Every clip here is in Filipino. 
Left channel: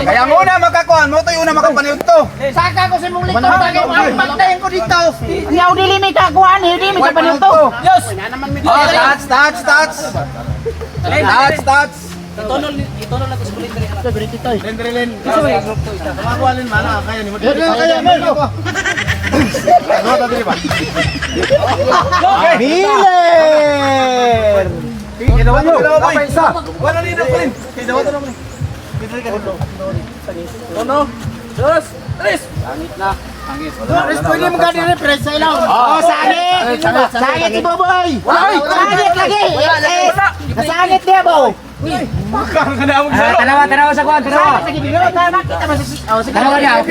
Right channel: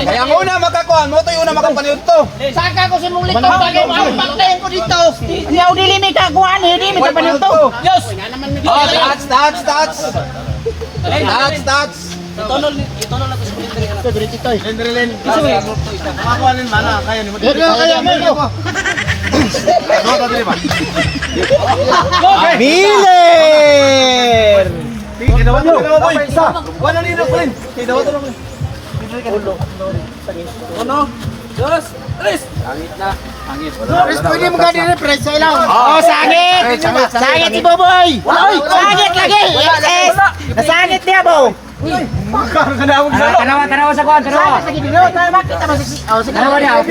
Kaya muna magkakuan mo to yung una makapaniod to. Saka ko sa mong likod. Ang pagdayan ko dito. Hindi ako dilimit ka kuhan. Hindi mo ka panito. Diyos. Touch. Itonol na to sa blender yan. Ito, berito ito. Blender. Isa may group to isa. Makakuhanin mana, kaya ni mo. Kaya mo. Miller! Kinawa nyo. Isa. Wala nila ko rin. Kinawa to naman. Uno, dos, tres. Langit na. Hangit. Doris, pwede mo ka dire-press sa ilaw. Sangit! Sangit si Boboy! Sangit lagi! Nasangit niya, Bo! Tanawa sa kuwan. Sangit lagi dito. Nakita mo sa... Tanawa niya.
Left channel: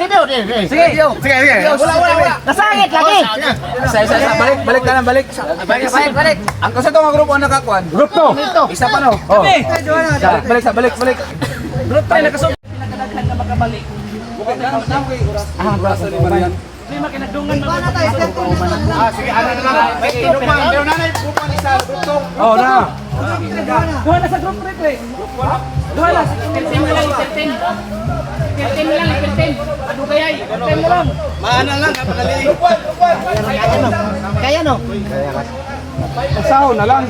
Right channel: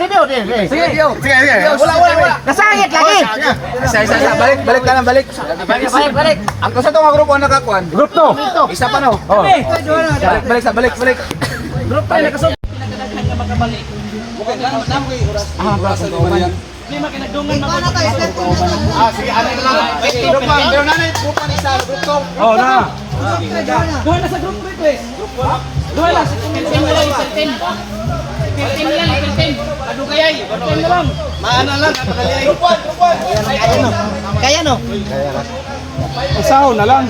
Review. Sige. Wala. Nasangit lagi! Isa. Balik ka lang, balik. Balik. Ang kasi itong grupo ang nakakuan. Group to. Isa pa no. Oh. Balik. Group tayo nakasog. Pinakadaghan nga makabalik. Hindi makinagdungan makabalik. Sige, ano na lang. Group man. Pero nanay, group man isa. Group to. Oh, na. Duha na sa group request. Duha na sa 15 lang. 15. Ano kaya? 15 na lang. Maana lang, napadali. Group one. Kaya no? Isahon na lang.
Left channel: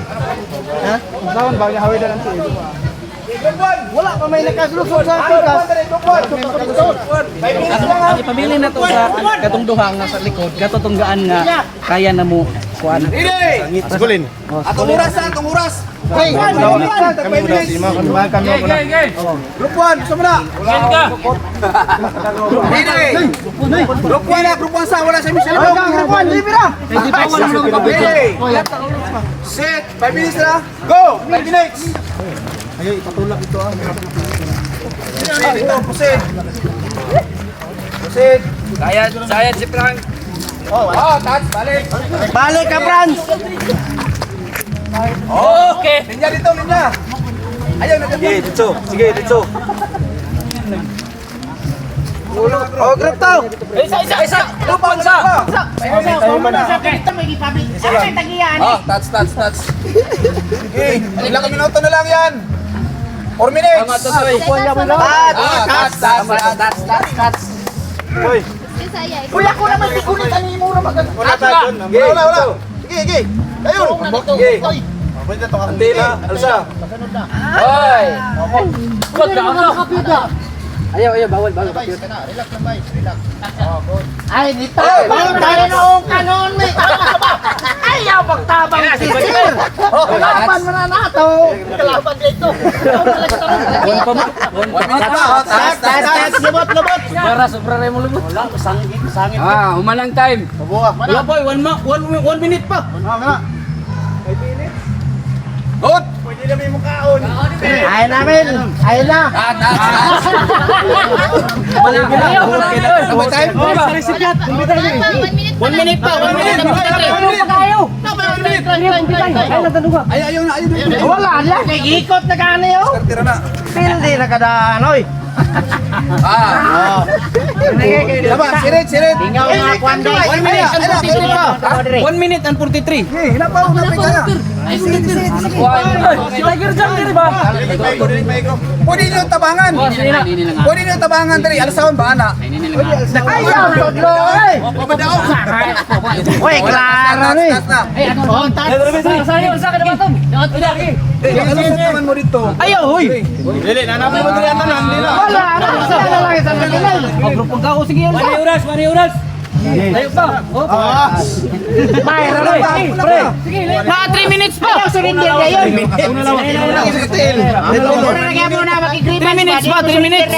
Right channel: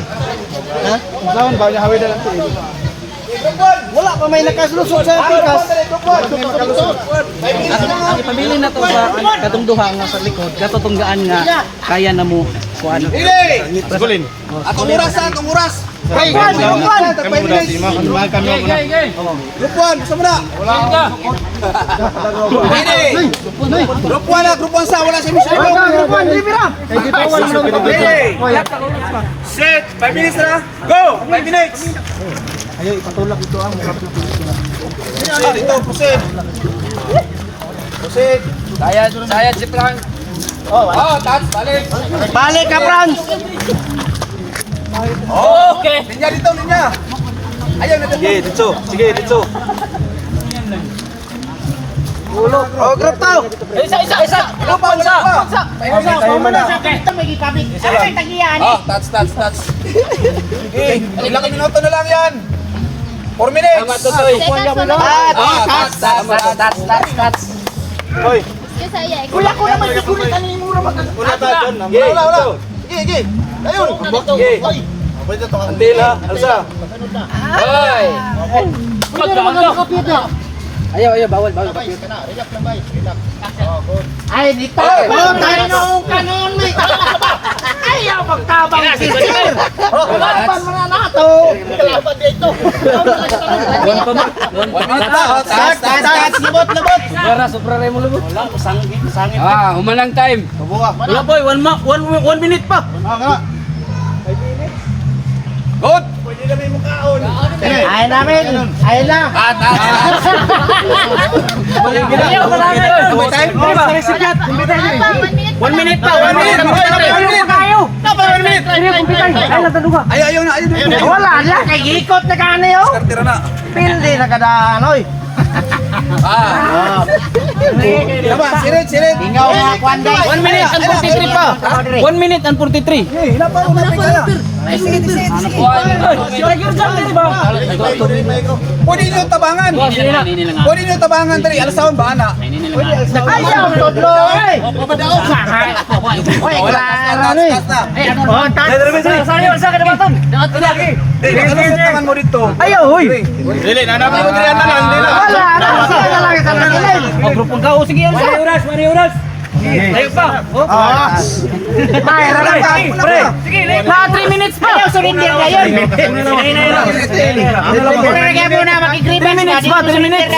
Ha? Isahon ba niya hawid na lang ito. Wala pa may nakalusot sa pikas. Pabili na to sa katong duha nga sa likod. Katutunggaan nga kaya na mo kuan. Hindi! Gulin. Atong oras. Kami na. Group 1, gusto mo na? Hindi! Group 1 sa wala sa Michelle. Group 1, libre na. Set! 5 minutes na. Go! 5 minutes! Ayaw, ipatulak ito ang Pusit. Saya si Frank. Touch, balik. Balik ka, Franz. Okay. Linya. Ayaw na dito. Sige, dito. Ulo. Oh, group to. Isa. Group 1 isa. Ito may ipabit. Ay, tagiyan. Touch. Okay. Ilang minuto na lang yan. 4 minutes. Touch. Hoy. Kuya ko naman sigunit ano yung mura mag... Wala. Sige. Ayun. Pwede ito ang tila. Alsa. Hoy. Ayaw, bawal. Relax lang, bay. Relax. Ay, dito. Bawal tayo noong kanon. May ayaw magtabang si Sir. Kalaban mo na nato. Kalaban dito. 1 minute pa. Touch. Lubot. Sobra rin mo lubot. Wala, sangit. Humalang time. Wala boy, 1 minute pa. Wala. Good. Ayaw namin. Ayaw na. Touch. Sabay time? Ano ba? 1 minute pa. 1 minute. Ayaw na. Wala na. Nag-ikot na kani oh. Tira na. Pildi na kadaan oy. Diba? Sirit. Tinggaw nga kwando. 1 minute. 43 pa. 1 minute and 43. Hila pa. Unapin ka na. Lagi rin dyan, di ba? Pwede nyo tabangan. Pwede nyo tabangan dali. Alasawan ba, ana? Ayaw todlo oy. Oy, klaro ni. Touch na. Sa kinabaton. Alusot naman mo dito. Ayaw hoy. Dili, nanapay mo diri na. Wala na. Sila na lang sa kanila. Grupong ka, sige yun. Mani oras. Tayo pa. Mayroon na ba? Pre. Sige, na 3 minutes pa. Ayaw sumindi kayo. 3 minutes pa, 3 minutes.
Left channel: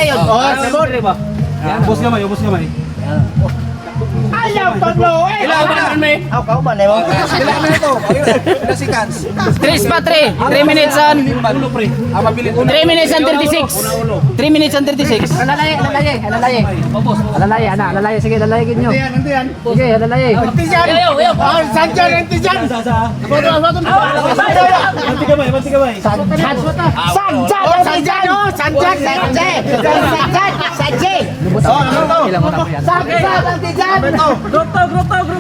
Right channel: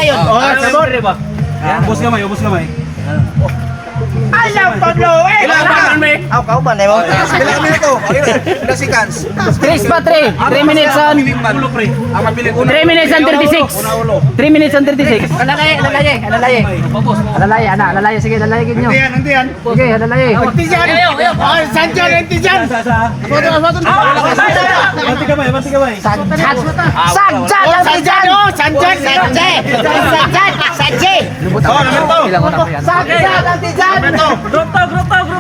Sorry ba? Ubos gamay. Ayaw todlo eh. Aw kau ba nemo? Bilang minuto. Ilang seconds? 3 pa, 3. 3 minutes on. Ulo, pre. Ang mabilis. 3 minutes and 36. 3 minutes and 36. Alalay. Sige, alalayin nyo. Nandiyan. Sige, alalayin. Tijan. Sanjan. Banti kamay. Sanjan ang tijan. Group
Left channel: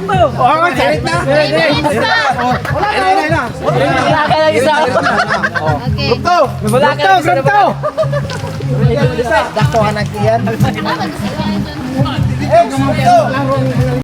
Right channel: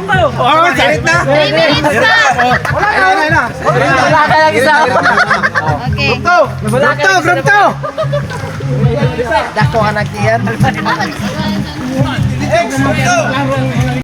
tayo. Sirit na. Wala ka lang isa. Group 2. Dako ka nagtiyan. Group 2.